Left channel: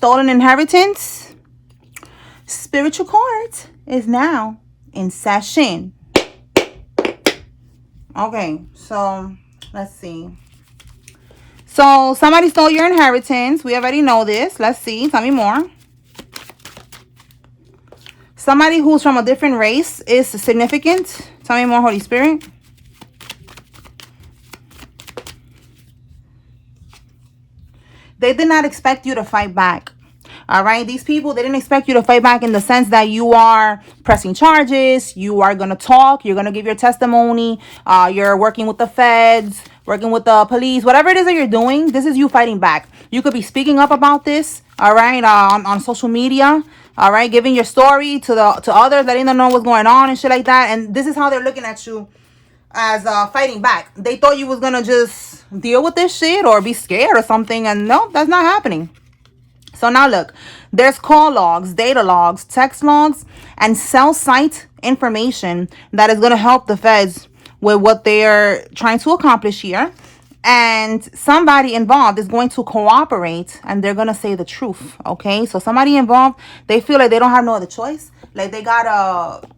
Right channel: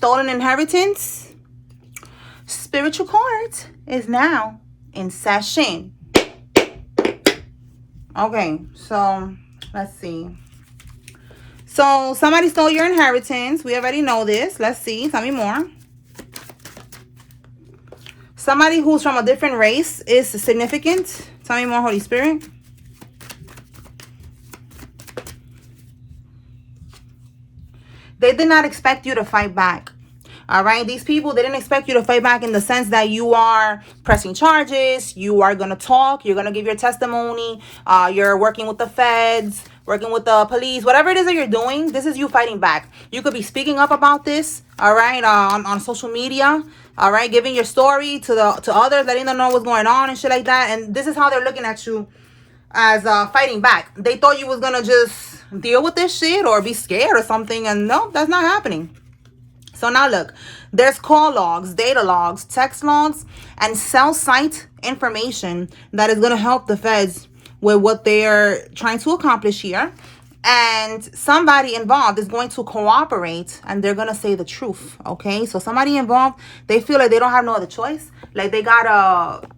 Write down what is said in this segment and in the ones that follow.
stolen inheritance. Spiritual court is now in session. Okay, so let's see. So somebody stole your inheritance. We already know this. Let's see. Tell me more. Somebody who's from a different race is significant. Tell me more, Holy Spirit. They did not expect you to fight back. All right, these people, they didn't expect you to fight back in the sense that you are pressing charges, you are going to talk, you're going to give your testimony, you're working with the feds, working with the police, whatever it is that you're doing, this is you fighting back. You could be speaking up about this, all right, on social media, all right, giving your story to others, letting them know what's going on and shit like that. And this is how they're looking at you, as fighting back. They thought you was going to just deal with this shit or be scared or something, and no, that's not happening. So now look, there's call logs, data logs, text logs, and cell site information that is going to help the feds with what they're trying to accomplish here. And somebody involved is going to cooperate, and they're going to say the truth, okay? So somebody involved, they feel like they don't have no other choice. Like they got to,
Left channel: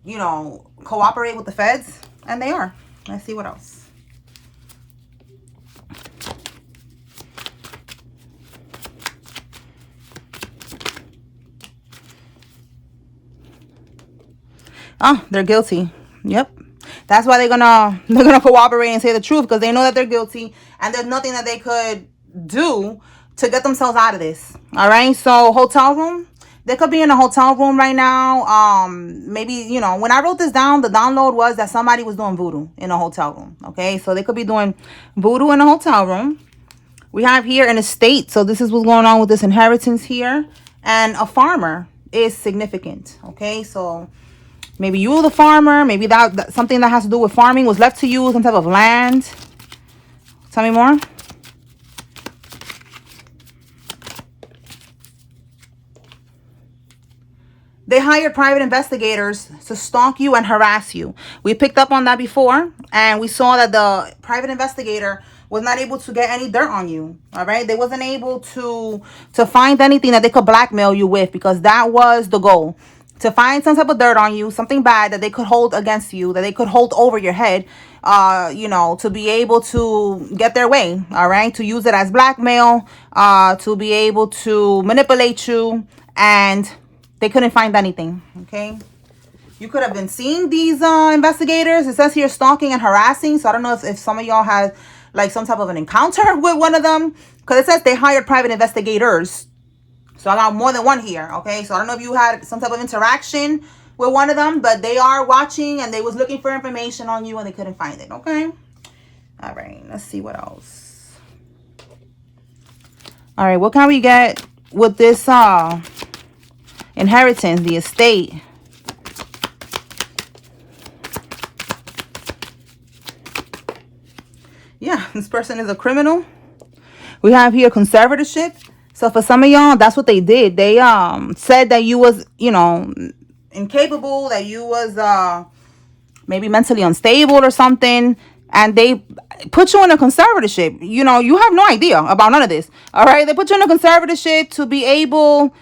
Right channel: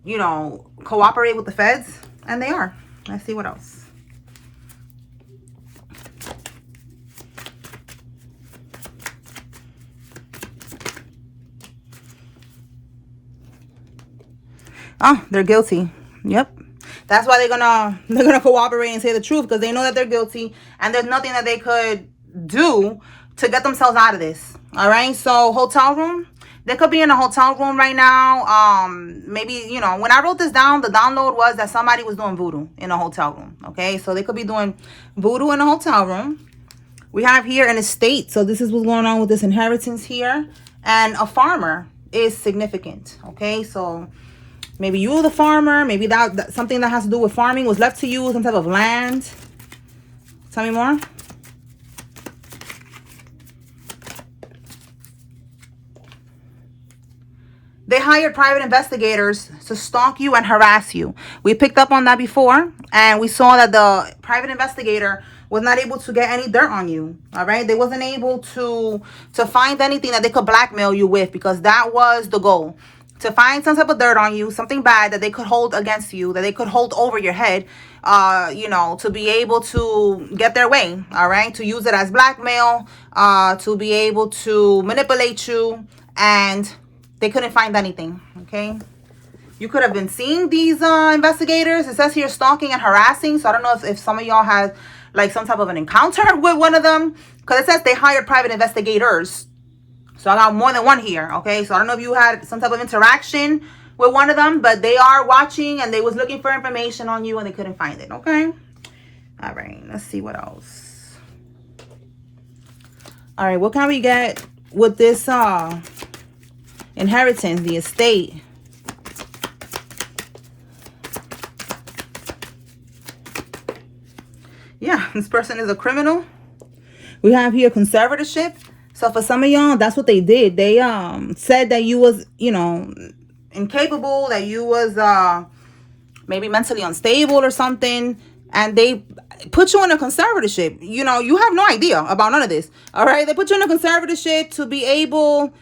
cooperate with the feds, and they are. Let's see what else. Oh, they're guilty. Yep. That's why they're gonna cooperate and say the truth, because they know that they're guilty and there's nothing that they could do to get themselves out of this. All right. So hotel room. They could be in a hotel room right now. Maybe, when I wrote this down, the download was that somebody was doing voodoo in a hotel room. Okay. So they could be doing voodoo in a hotel room. We have here an estate. So this is what's going on with this inheritance here. And a farmer is significant. Okay. So maybe you, the farmer, maybe that something that has to do with farming was left to you, some type of land. Tell me more. They hired private investigators to stalk you and harass you. We picked up on that before, and we saw that the private investigator was not able to get any dirt on you. All right, they wasn't able to find anything that they could blackmail you with, because that was the goal. To find some type of dirt on you, something bad that they could hold against you, that they could hold over your head, to be able to get their way, all right? To use it as blackmail, to be able to manipulate you, and they couldn't find anything, okay? You could have been seeing these investigators. It says here stalking and harassing, so I don't know if some of y'all had, like, some type of an encounter with one of them, because it says they hired private investigators. So I got more than one here, okay? So I don't know if you had some type of interaction with one of them, but they are watching and they was looking for information on you and they couldn't find it, okay? All right, let's see what else. All right, what can we get with this inheritance, the estate? Yeah, this person is a criminal. We have here conservatorship. So for some of y'all, that's what they did. They said that you was, incapable, that you was maybe mentally unstable or something, and they put you in a conservatorship. You have no idea about none of this. All right, they put you in a conservatorship to be able,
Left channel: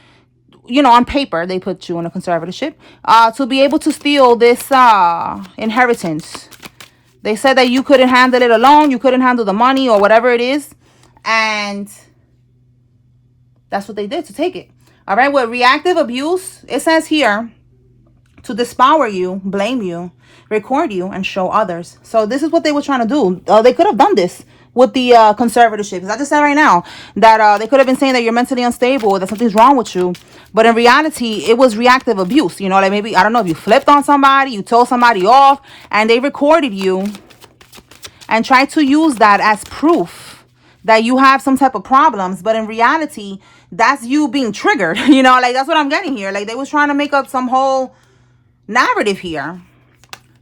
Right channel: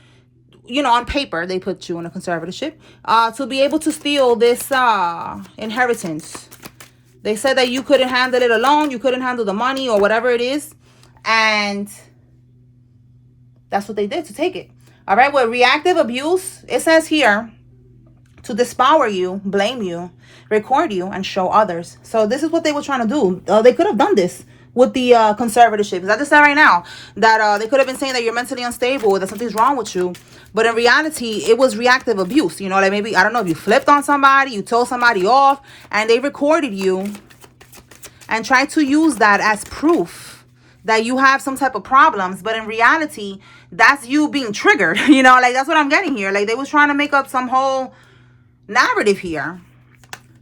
on paper, they put you in a conservatorship to be able to steal this inheritance. They said that you couldn't handle it alone, you couldn't handle the money or whatever it is, and that's what they did to take it. All right, with reactive abuse, it says here to dispower you, blame you, record you, and show others. So this is what they were trying to do. They could have done this with the conservatorship. I just said right now that they could have been saying that you're mentally unstable, that something's wrong with you. But in reality, it was reactive abuse. Like maybe, I don't know, if you flipped on somebody, you told somebody off, and they recorded you and tried to use that as proof that you have some type of problems. But in reality, that's you being triggered. Like that's what I'm getting here. Like they was trying to make up some whole narrative here.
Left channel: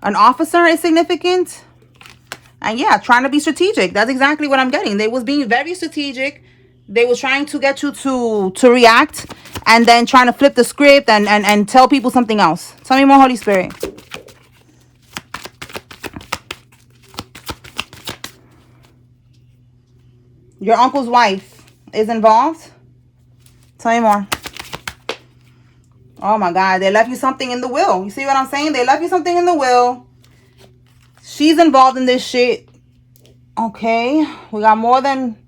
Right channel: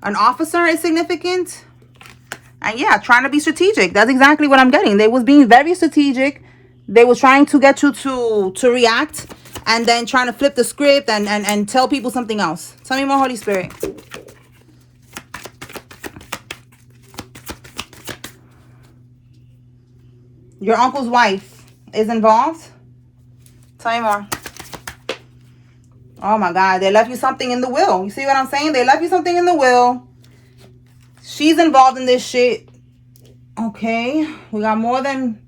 An officer is significant. And yeah, trying to be strategic. That's exactly what I'm getting. They was being very strategic. They was trying to get you to react, and then trying to flip the script and tell people something else. Tell me more, Holy Spirit. Your uncle's wife is involved. Tell me more. Oh my God, they left you something in the will. You see what I'm saying? They left you something in the will. She's involved in this shit. Okay, we got more than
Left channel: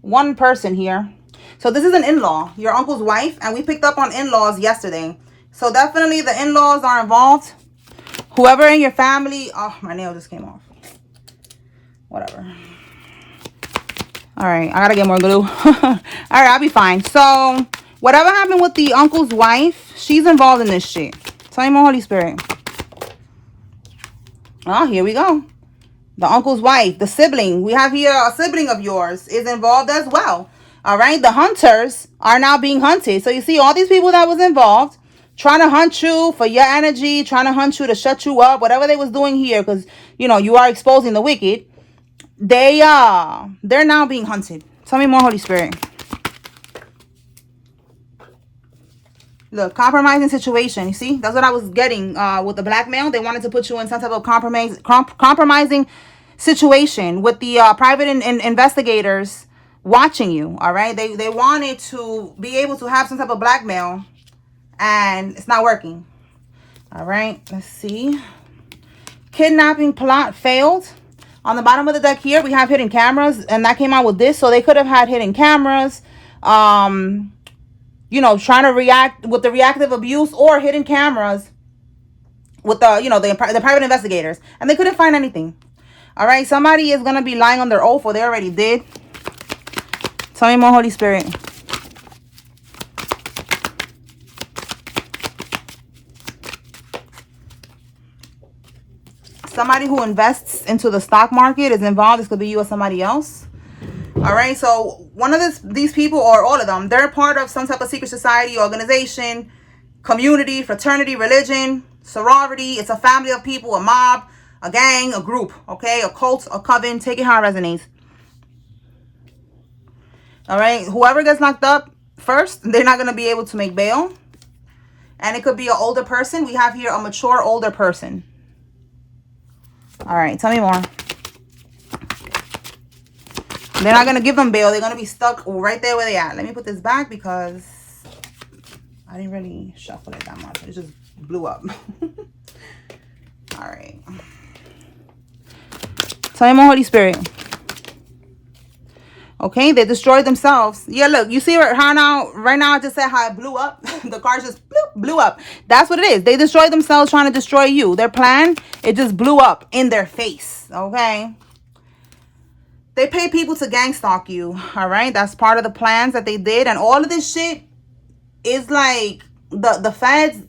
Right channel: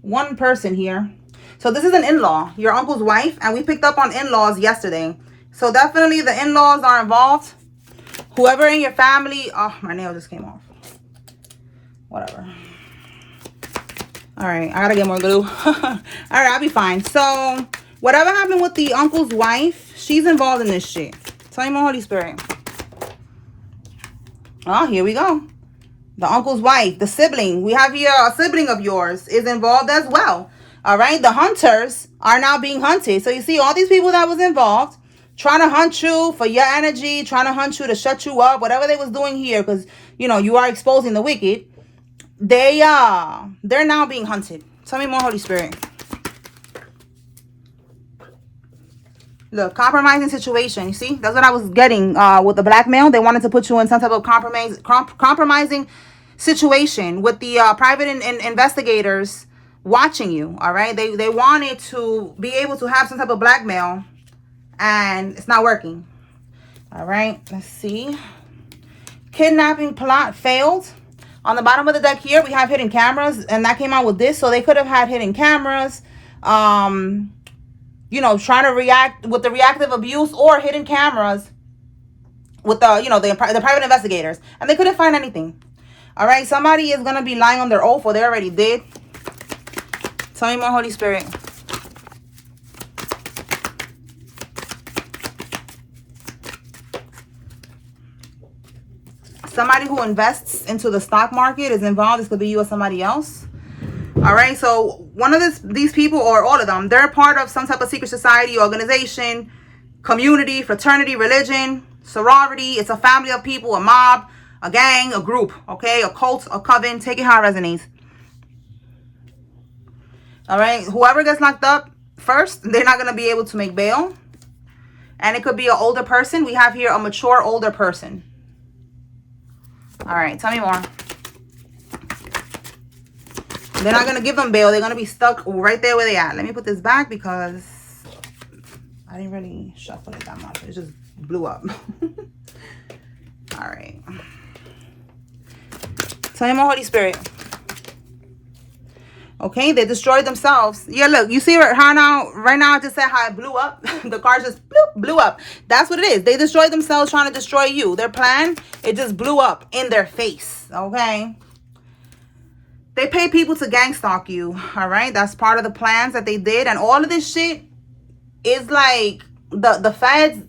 one person here. So this is an in-law, your uncle's wife, and we picked up on in-laws yesterday. So definitely the in-laws are involved. Whoever in your family. Oh, my nail just came off. Whatever. All right, I gotta get more glue. All right, I'll be fine. So whatever happened with the uncle's wife, she's involved in this shit. Tell me more, Holy Spirit. Oh, here we go. The uncle's wife, the sibling. We have here a sibling of yours is involved as well. All right, the hunters are now being hunted. So you see all these people that was involved trying to hunt you for your energy, trying to hunt you to shut you up, whatever they was doing here, because you know you are exposing the wicked. They're now being hunted. Tell me more, Holy Spirit. Look, compromising situation. You see, that's what I was getting with the blackmail. They wanted to put you in some type of compromising situation with the private investigators watching you. All right, they wanted to be able to have some type of blackmail, and it's not working. All right, let's see. Kidnapping plot failed. On the bottom of the deck here, we have hidden cameras, and that came out with this. So they could have had hidden cameras, you know, trying to react with the reactive abuse, or hidden cameras with the, you know, the private investigators, and they couldn't find anything. All right, somebody is going to be lying on their oath, or they already did. Tell me more, Holy Spirit. Somebody who invests into the stock market is involved. This could be you or somebody else. All right, so one of these people, or all of them, they're part of some type of secret society, organization, community, fraternity, religion, sorority. It's a family of people, a mob, a gang, a group, okay? A cult, a coven. Take it how it resonates. All right, whoever gets locked up first, they're not going to be able to make bail. And it could be an older person. We have here a mature older person. All right, tell me more. They're not going to give them bail. They're going to be stuck right there where they at. Let me put this back because I didn't really shuffle it that much. It just blew up. All right. Tell me more, Holy Spirit. Okay, they destroyed themselves. Yeah, look, you see how now, right now I just said how it blew up. The car just blew up. That's what it is. They destroyed themselves trying to destroy you. Their plan, it just blew up in their face. Okay. They pay people to gang stalk you. All right. That's part of the plans that they did. And all of this shit is like the feds,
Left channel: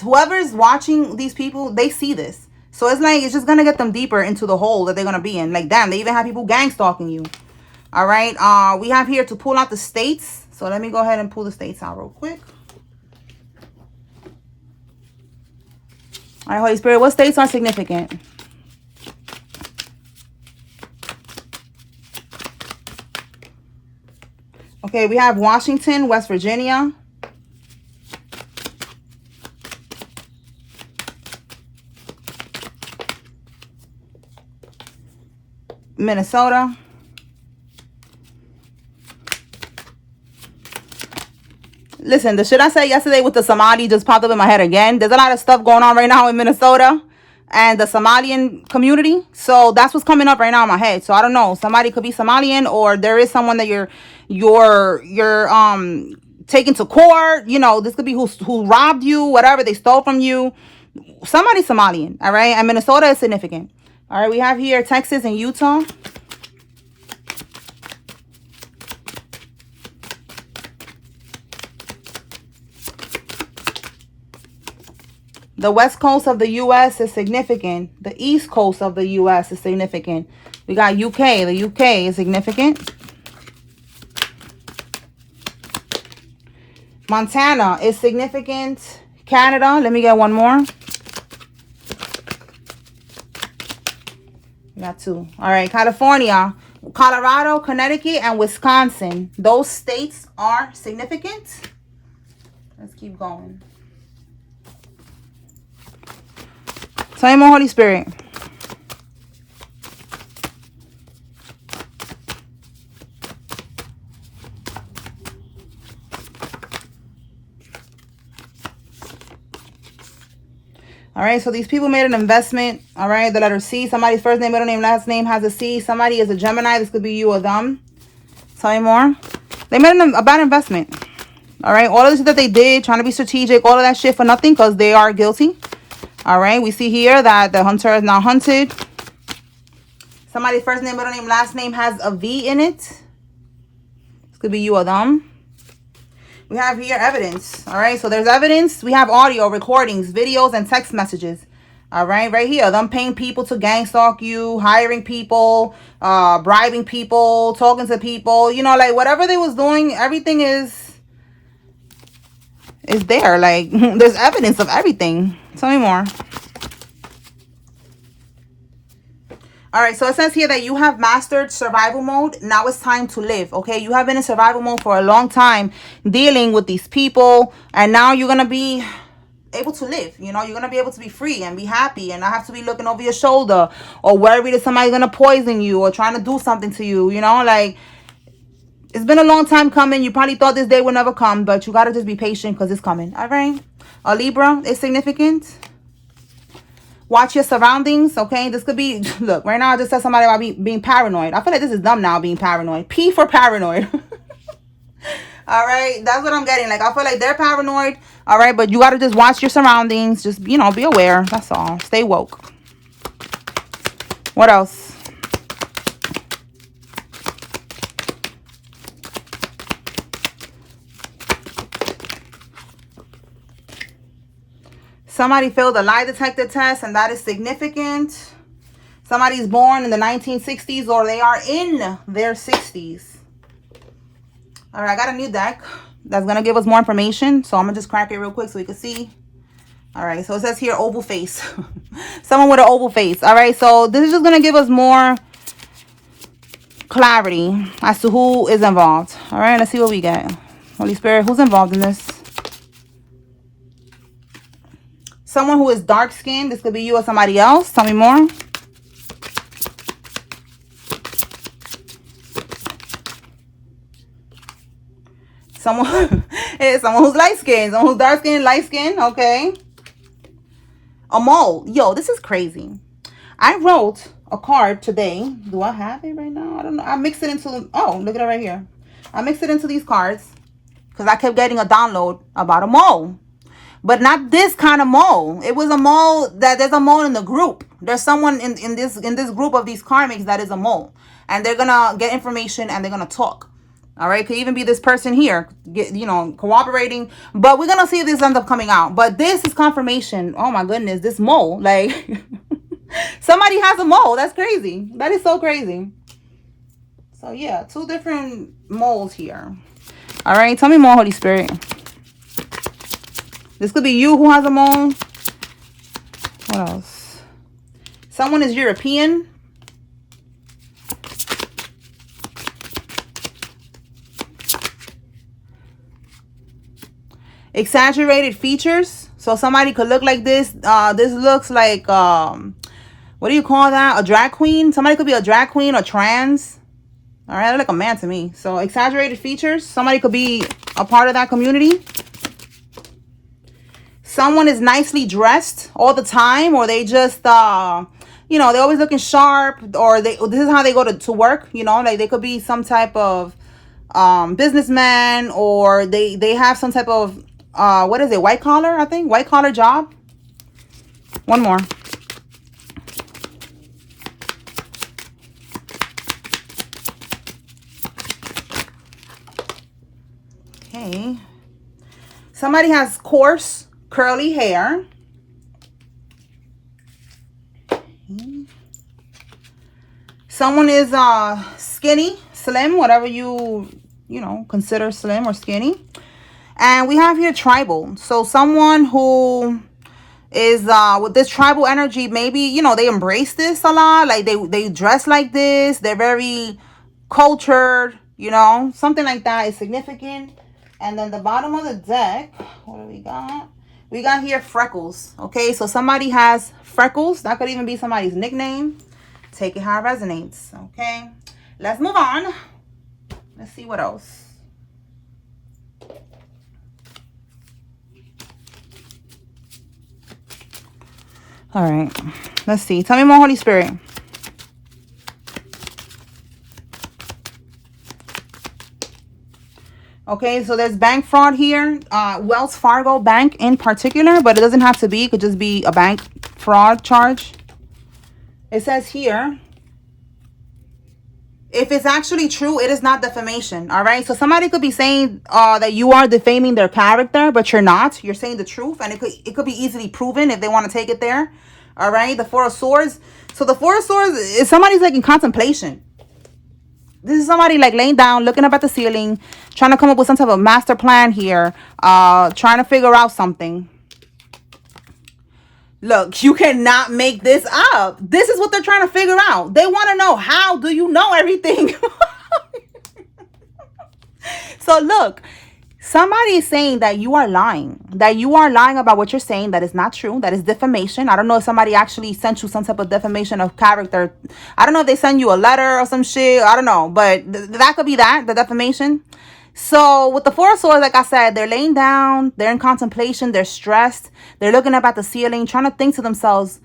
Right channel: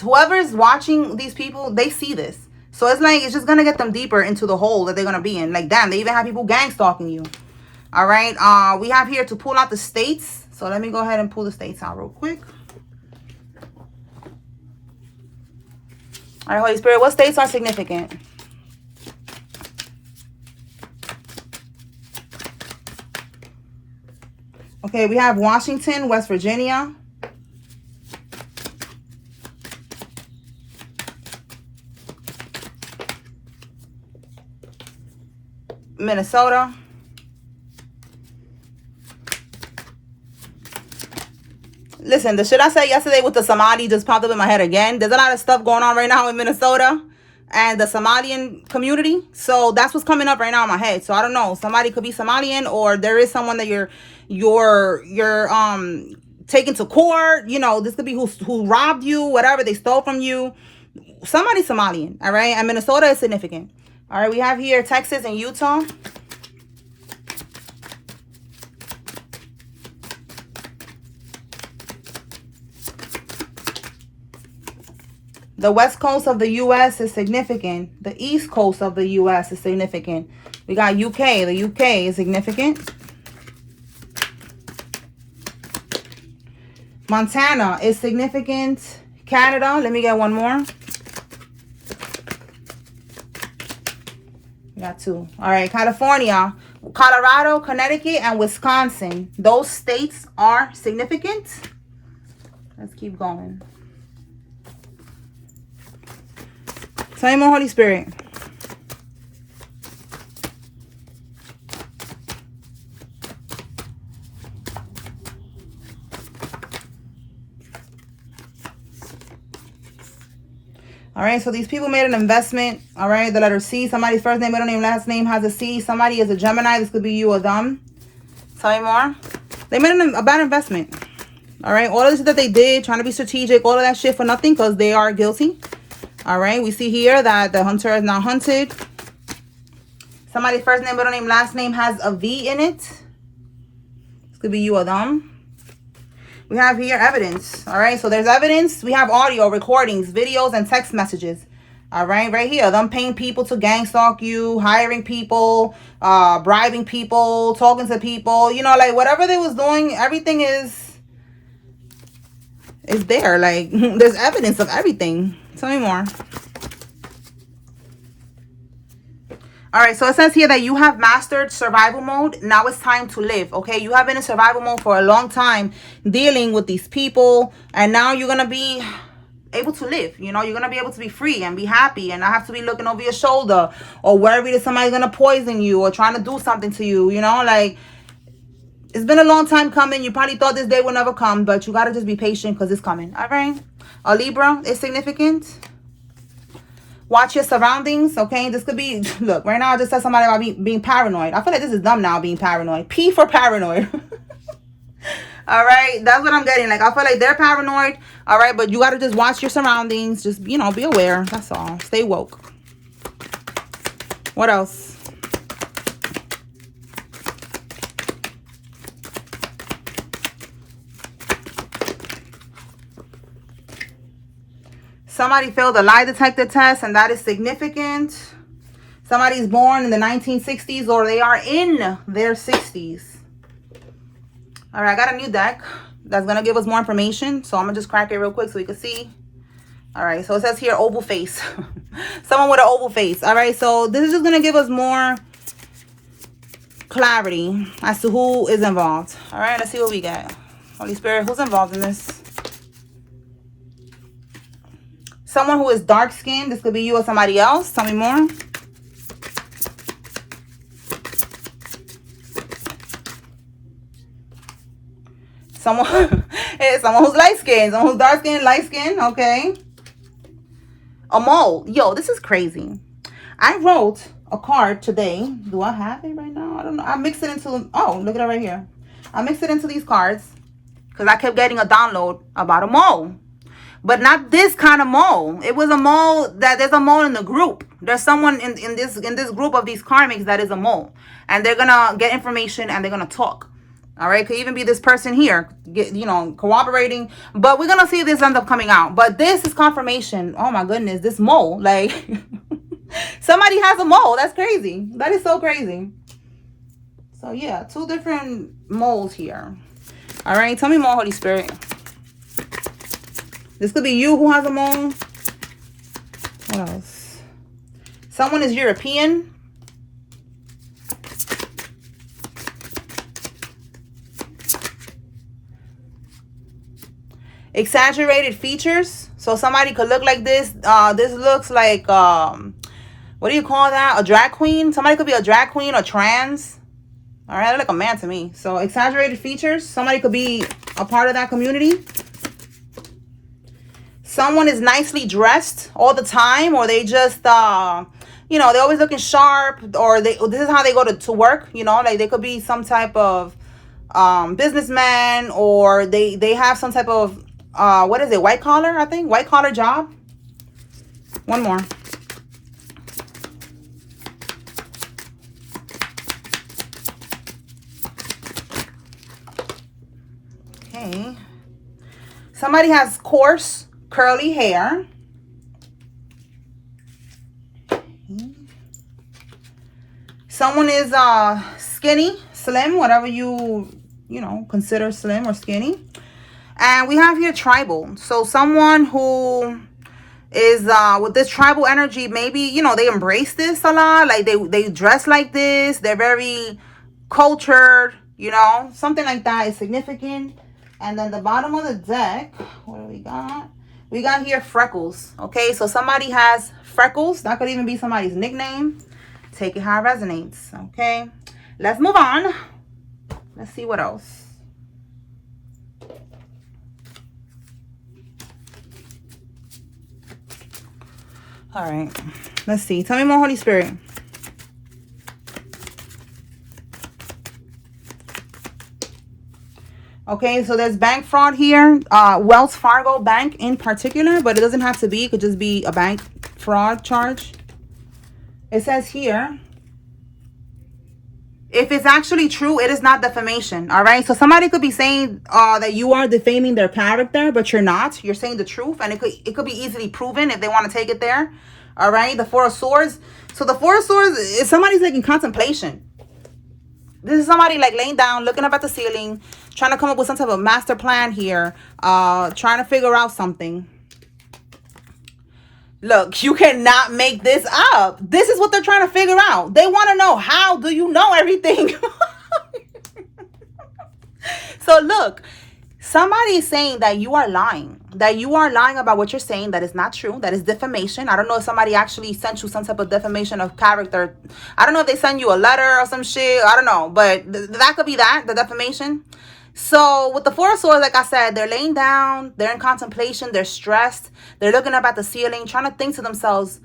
whoever is watching these people, they see this. So it's like, it's just going to get them deeper into the hole that they're going to be in. Like, damn, they even have people gang stalking you. All right, we have here to pull out the states. So let me go ahead and pull the states out real quick. All right, Holy Spirit, what states are significant? Okay, we have Washington, West Virginia, Minnesota, listen, the shit I said yesterday with the Somali just popped up in my head again. There's a lot of stuff going on right now in Minnesota and the Somalian community. So that's what's coming up right now in my head. So I don't know. Somebody could be Somalian, or there is someone that you're taking to court. You know, this could be who robbed you, whatever they stole from you. Somebody Somalian, all right? And Minnesota is significant. All right, we have here Texas and Utah. The west coast of the U.S. is significant. The east coast of the U.S. is significant. We got UK. The UK is significant. Montana is significant. Canada. Let me get one more. We got two. All right. California, Colorado, Connecticut, and Wisconsin. Those states are significant. Let's keep going. Tell me more, Holy Spirit. All right, so these people made an investment. All right, the letter C. Somebody's first name, middle name, last name has a C. Somebody is a Gemini. This could be you or them. Tell me more. They made a bad investment. All right, all of this that they did, trying to be strategic, all of that shit for nothing because they are guilty. All right, we see here that the hunter is now hunted. Somebody's first name, middle name, last name has a V in it. This could be you or them. We have here evidence. All right, so there's evidence. We have audio, recordings, videos, and text messages. All right, right here. Them paying people to gang stalk you, hiring people, bribing people, talking to people. You know, like whatever they was doing, everything is there. Like there's evidence of everything. Tell me more. All right, so it says here that you have mastered survival mode. Now it's time to live, okay? You have been in survival mode for a long time dealing with these people, and now you're going to be able to live. You know, you're going to be able to be free and be happy and not have to be looking over your shoulder or worried that somebody's going to poison you or trying to do something to you, you know? Like, it's been a long time coming. You probably thought this day would never come, but you got to just be patient because it's coming, all right? A Libra is significant. Watch your surroundings, okay? This could be, look, right now I just said somebody about being paranoid. I feel like this is them now being paranoid. P for paranoid. All right, that's what I'm getting. Like, I feel like they're paranoid, all right? But you got to just watch your surroundings. Just, you know, be aware. That's all. Stay woke. What else? Somebody failed a lie detector test, and that is significant. Somebody's born in the 1960s, or they are in their 60s. All right, I got a new deck that's going to give us more information. So I'm going to just crack it real quick so we can see. All right, so it says here, oval face. Someone with an oval face. All right, so this is just going to give us more clarity as to who is involved. All right, let's see what we get. Holy Spirit, who's involved in this? Someone who is dark-skinned. This could be you or somebody else. Tell me more. Someone who's light-skinned. Someone who's dark-skinned, light-skinned. Okay. A mole. Yo, this is crazy. I wrote a card today. Do I have it right now? I don't know. I mixed it into... Oh, look at it right here. I mixed it into these cards because I kept getting a download about a mole. But not this kind of mole. It was a mole that there's a mole in the group. There's someone in this group of these karmics that is a mole. And they're going to get information and they're going to talk. All right. Could even be this person here, you know, cooperating. But we're going to see if this ends up coming out. But this is confirmation. Oh, my goodness. This mole. Like, somebody has a mole. That's crazy. That is so crazy. So, yeah. 2 different moles here. All right. Tell me more, Holy Spirit. This could be you who has a mole. What else? Someone is European. Exaggerated features. So somebody could look like this. This looks like, what do you call that? A drag queen. Somebody could be a drag queen or trans. All right, like a man to me. So exaggerated features. Somebody could be a part of that community. Someone is nicely dressed all the time, or they just, you know, they're always looking sharp, or this is how they go to work, you know, like they could be some type of businessman, or they have some type of, what is it, white collar, I think, white collar job. One more. Okay. Somebody has coarse curly hair. Someone is skinny, slim, whatever you know, consider slim or skinny. And we have here tribal. So someone who is with this tribal energy, maybe, you know, they embrace this a lot. Like they dress like this. They're very cultured, you know, something like that is significant. And then the bottom of the deck, what do we got? We got here freckles. Okay, so somebody has freckles. That could even be somebody's nickname. Take it how it resonates. Okay, let's move on. Let's see what else. All right. Let's see. Tell me more, Holy Spirit. Okay, so there's bank fraud here. Wells Fargo Bank in particular, but it doesn't have to be. It could just be a bank fraud charge. It says here, if it's actually true, it is not defamation. All right, so somebody could be saying that you are defaming their character, but you're not. You're saying the truth, and it could be easily proven if they want to take it there. All right, the Four of Swords. So the Four of Swords is somebody's like in contemplation. This is somebody like laying down, looking up at the ceiling, trying to come up with some type of master plan here, trying to figure out something. Look, you cannot make this up. This is what they're trying to figure out. They want to know, how do you know everything? So look, somebody is saying that you are lying. That you are lying about what you're saying. That is not true. That is defamation. I don't know if somebody actually sent you some type of defamation of character. I don't know if they send you a letter or some shit. I don't know. But that could be that, the defamation. So with the Four of Swords, like I said, they're laying down, they're in contemplation, they're stressed, they're looking up at the ceiling, trying to think to themselves,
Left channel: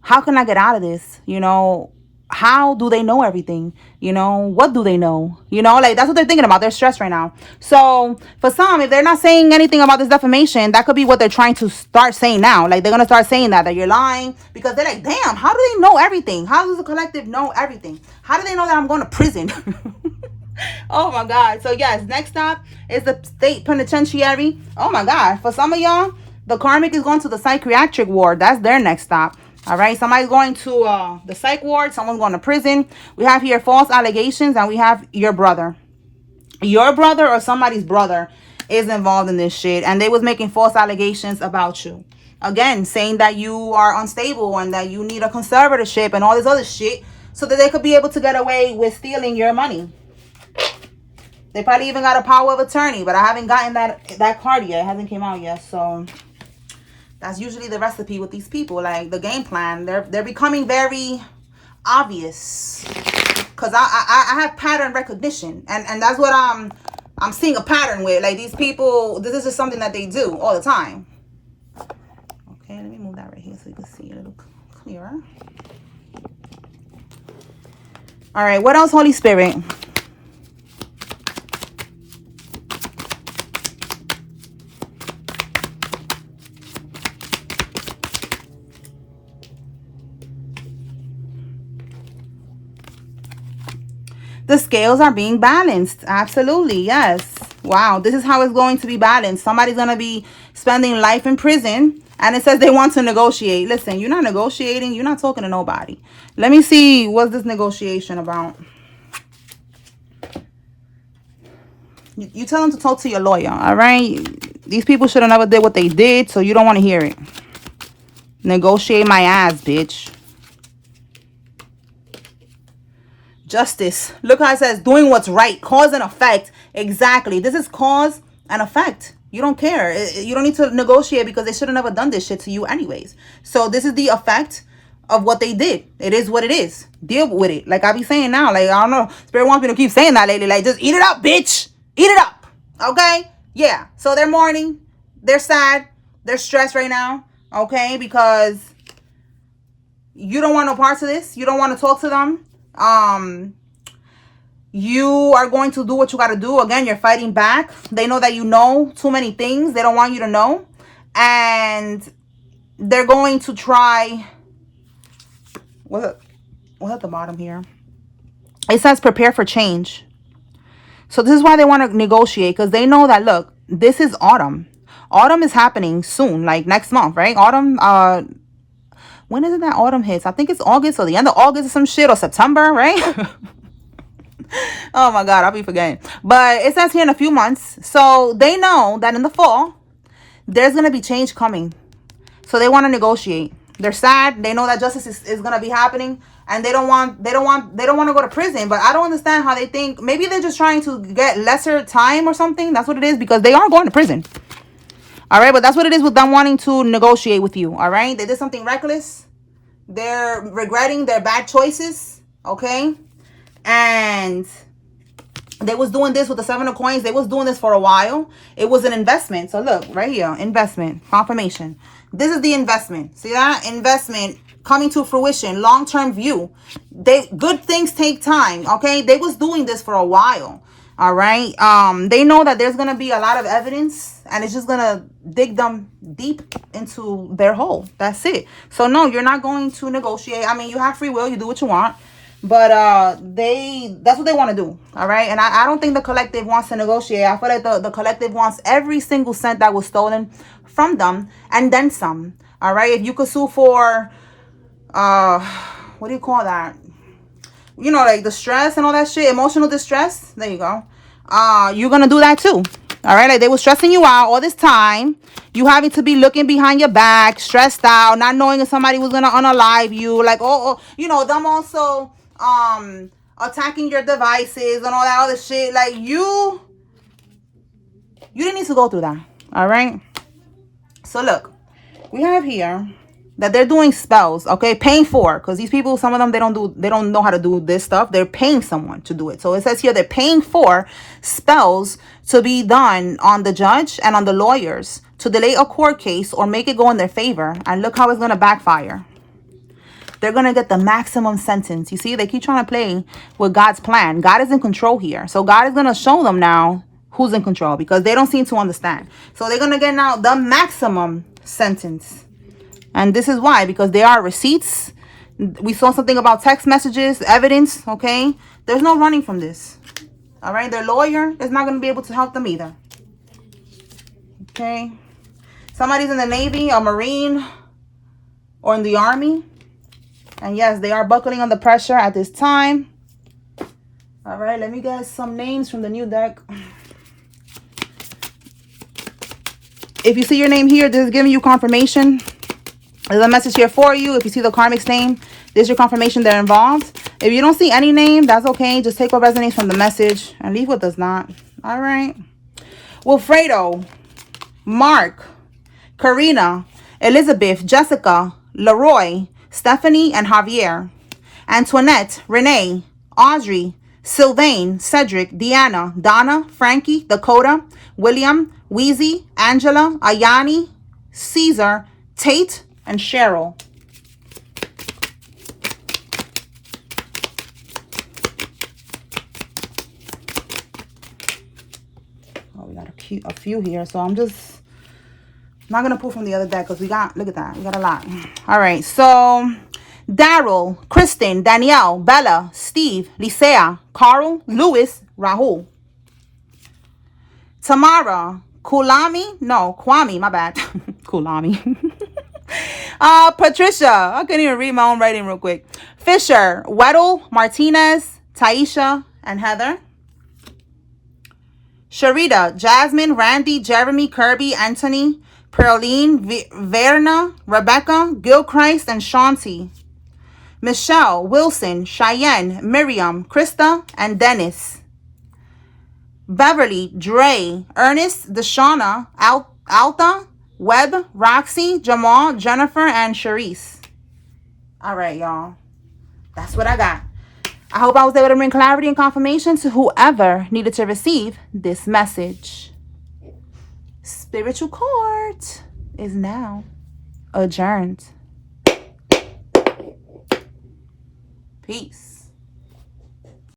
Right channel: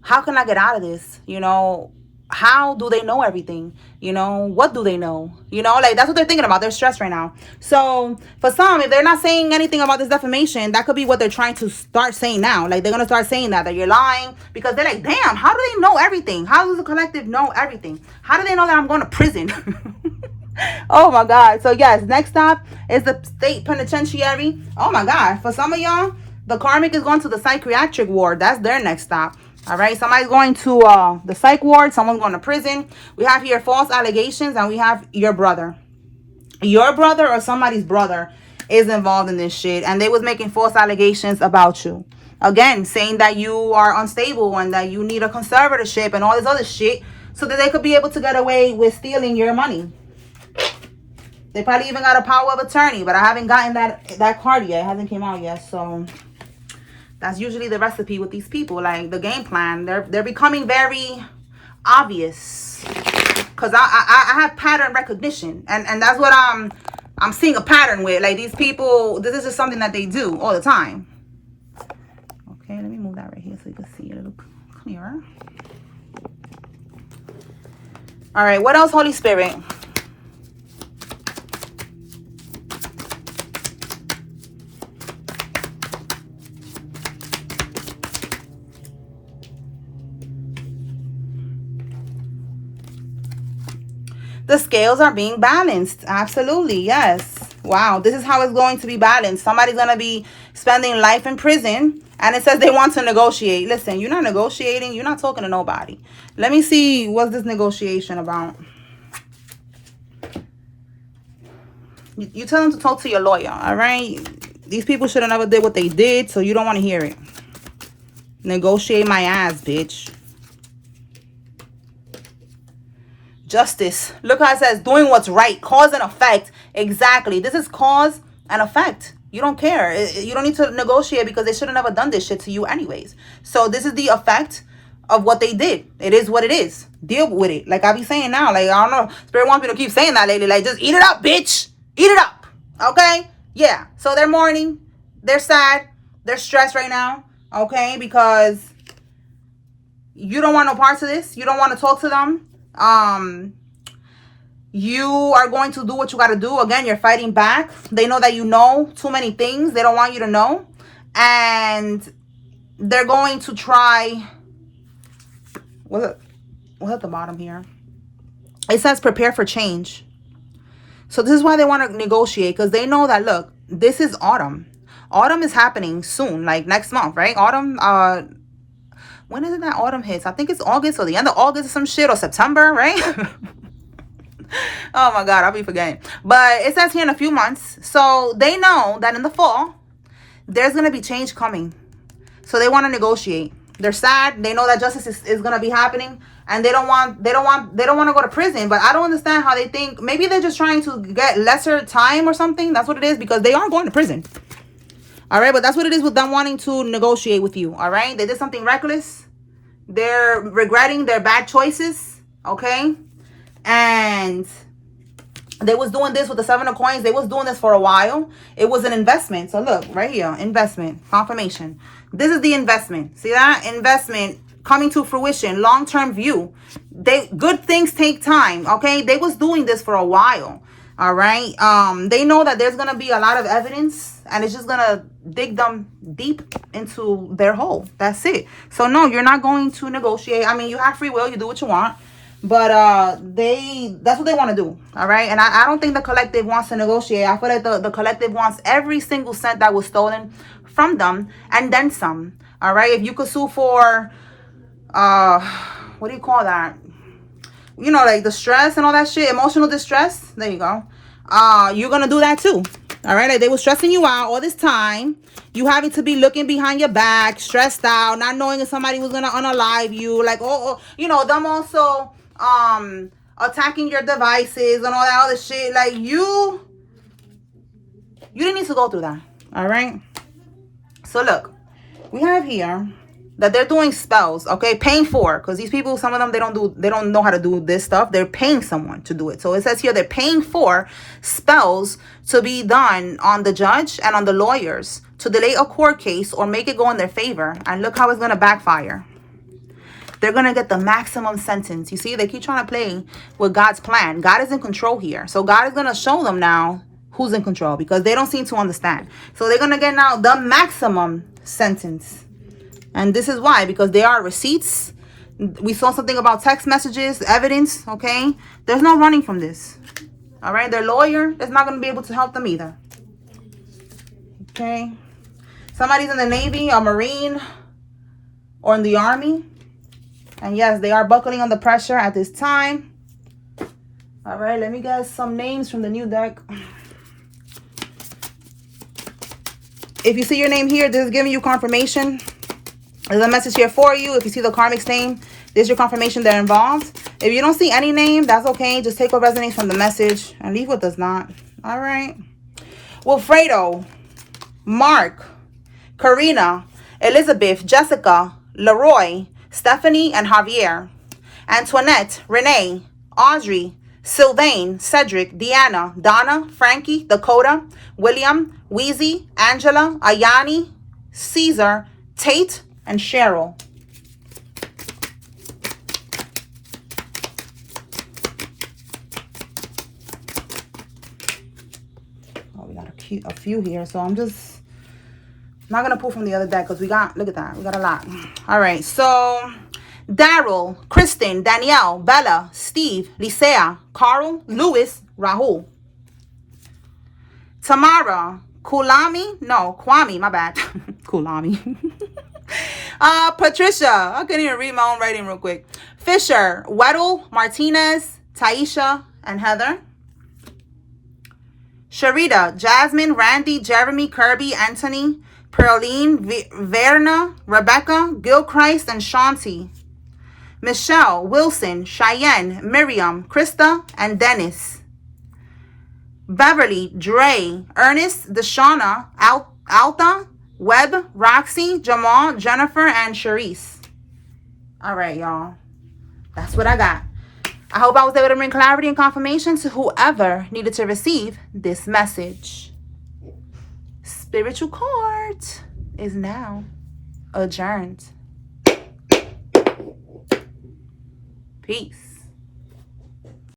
how can I get out of this? You know, how do they know everything? You know, what do they know? You know, like that's what they're thinking about. They're stressed right now. So for some, if they're not saying anything about this defamation, that could be what they're trying to start saying now. Like they're going to start saying that you're lying, because they're like, damn, how do they know everything? How does the collective know everything? How do they know that I'm going to prison? Oh my God. So yes, next stop is the state penitentiary. Oh my God. For some of y'all, the karmic is going to the psychiatric ward. That's their next stop. All right. Somebody's going to the psych ward. Someone's going to prison. We have here false allegations, and we have your brother. Your brother or somebody's brother is involved in this shit, and they was making false allegations about you. Again, saying that you are unstable and that you need a conservatorship and all this other shit, so that they could be able to get away with stealing your money. They probably even got a power of attorney, but I haven't gotten that card yet. It hasn't came out yet. So that's usually the recipe with these people. Like the game plan, they're becoming very obvious, because I have pattern recognition, and that's what I'm seeing a pattern with. Like these people, this is just something that they do all the time. Okay, let me move that right here so you can see it a little clearer. All right, what else, Holy Spirit? The scales are being balanced. Absolutely. Yes. Wow. This is how it's going to be balanced. Somebody's going to be spending life in prison, and it says they want to negotiate. Listen, you're not negotiating. You're not talking to nobody. Let me see. What's this negotiation about? You tell them to talk to your lawyer. All right. These people should have never did what they did, so you don't want to hear it. Negotiate my ass, bitch. Justice. Look how it says doing what's right. Cause and effect. Exactly. This is cause and effect. You don't care. You don't need to negotiate, because they should have never done this shit to you anyways. So this is the effect of what they did. It is what it is. Deal with it. Like I be saying now. Like, I don't know. Spirit wants me to keep saying that lately. Like, just eat it up, bitch. Eat it up. Okay? Yeah. So they're mourning. They're sad. They're stressed right now. Okay? Because you don't want no parts of this. You don't want to talk to them. You are going to do what you got to do. Again, you're fighting back. They know that you know too many things. They don't want you to know, and they're going to try. What's at the bottom here? It says prepare for change. So this is why they want to negotiate, because they know that, look, this is autumn. Autumn is happening soon, like next month, right? Autumn, when is it that autumn hits? I think it's August, or the end of August or some shit, or September, right? Oh my God, I'll be forgetting. But it says here in a few months. So they know that in the fall, there's going to be change coming. So they want to negotiate. They're sad. They know that justice is going to be happening. And they don't want to go to prison. But I don't understand how they think. Maybe they're just trying to get lesser time or something. That's what it is, because they are going to prison. All right, but that's what it is with them wanting to negotiate with you. All right, they did something reckless. They're regretting their bad choices. Okay, and They was doing this with the 7 of coins. They was doing this for a while. It was an investment. So look, right here, investment, confirmation. This is the investment. See that? Investment coming to fruition, long-term view. Good things take time, okay? They was doing this for a while, all right? They know that there's going to be a lot of evidence, and it's just going to dig them deep into their hole. That's it. So no, you're not going to negotiate. I mean, you have free will. You do what you want. But that's what they want to do, all right? And I don't think the collective wants to negotiate. I feel like the collective wants every single cent that was stolen from them and then some, all right? If you could sue for, what do you call that? You know, like the stress and all that shit, emotional distress. There you go. You're going to do that too, all right? Like they were stressing you out all this time. You having to be looking behind your back, stressed out, not knowing if somebody was going to unalive you. Like, you know, them also attacking your devices and all that other shit. Like you didn't need to go through that, all right? So look, we have here that they're doing spells, okay? Paying for, because these people, some of them, they don't know how to do this stuff. They're paying someone to do it. So it says here they're paying for spells to be done on the judge and on the lawyers to delay a court case or make it go in their favor. And look how it's going to backfire. They're going to get the maximum sentence. You see, they keep trying to play with God's plan. God is in control here. So God is going to show them now who's in control, because they don't seem to understand. So they're going to get now the maximum sentence. And this is why, because there are receipts. We saw something about text messages, evidence, okay? There's no running from this. All right? Their lawyer is not going to be able to help them either. Okay? Somebody's in the Navy, a Marine, or in the Army. And yes, they are buckling under pressure at this time. All right, let me get some names from the new deck. If you see your name here, this is giving you confirmation. There's a message here for you. If you see the karmic's name, there's your confirmation they're involved. If you don't see any name, that's okay. Just take what resonates from the message and leave what does not. All right. Wilfredo, Mark, Karina, Elizabeth, Jessica, Leroy, Stephanie, and Javier. Antoinette, Renee, Audrey, Sylvain, Cedric, Deanna, Donna, Frankie, Dakota, William, Wheezy, Angela, Ayani, Caesar, Tate, and Cheryl. Oh, we got a few here, so I'm just not going to pull from the other deck because we got, look at that, we got a lot. All right, so Daryl, Kristen, Danielle, Bella, Steve, Lisea, Carl, Louis, Rahul. Tamara, Kwame, my bad. Kulami. Patricia, I couldn't even read my own writing real quick. Fisher, Weddle, Martinez, Taisha, and Heather. Sharita, Jasmine, Randy, Jeremy, Kirby, Anthony, Pearline, Verna, Rebecca, Gilchrist, and Shanti. Michelle, Wilson, Cheyenne, Miriam, Krista, and Dennis. Beverly, Dre, Ernest, Deshauna, Alta, Webb, Roxy, Jamal, Jennifer, and Sharice. All right, y'all. That's what I got. I hope I was able to bring clarity and confirmation to whoever needed to receive this message. Spiritual court is now adjourned. Peace.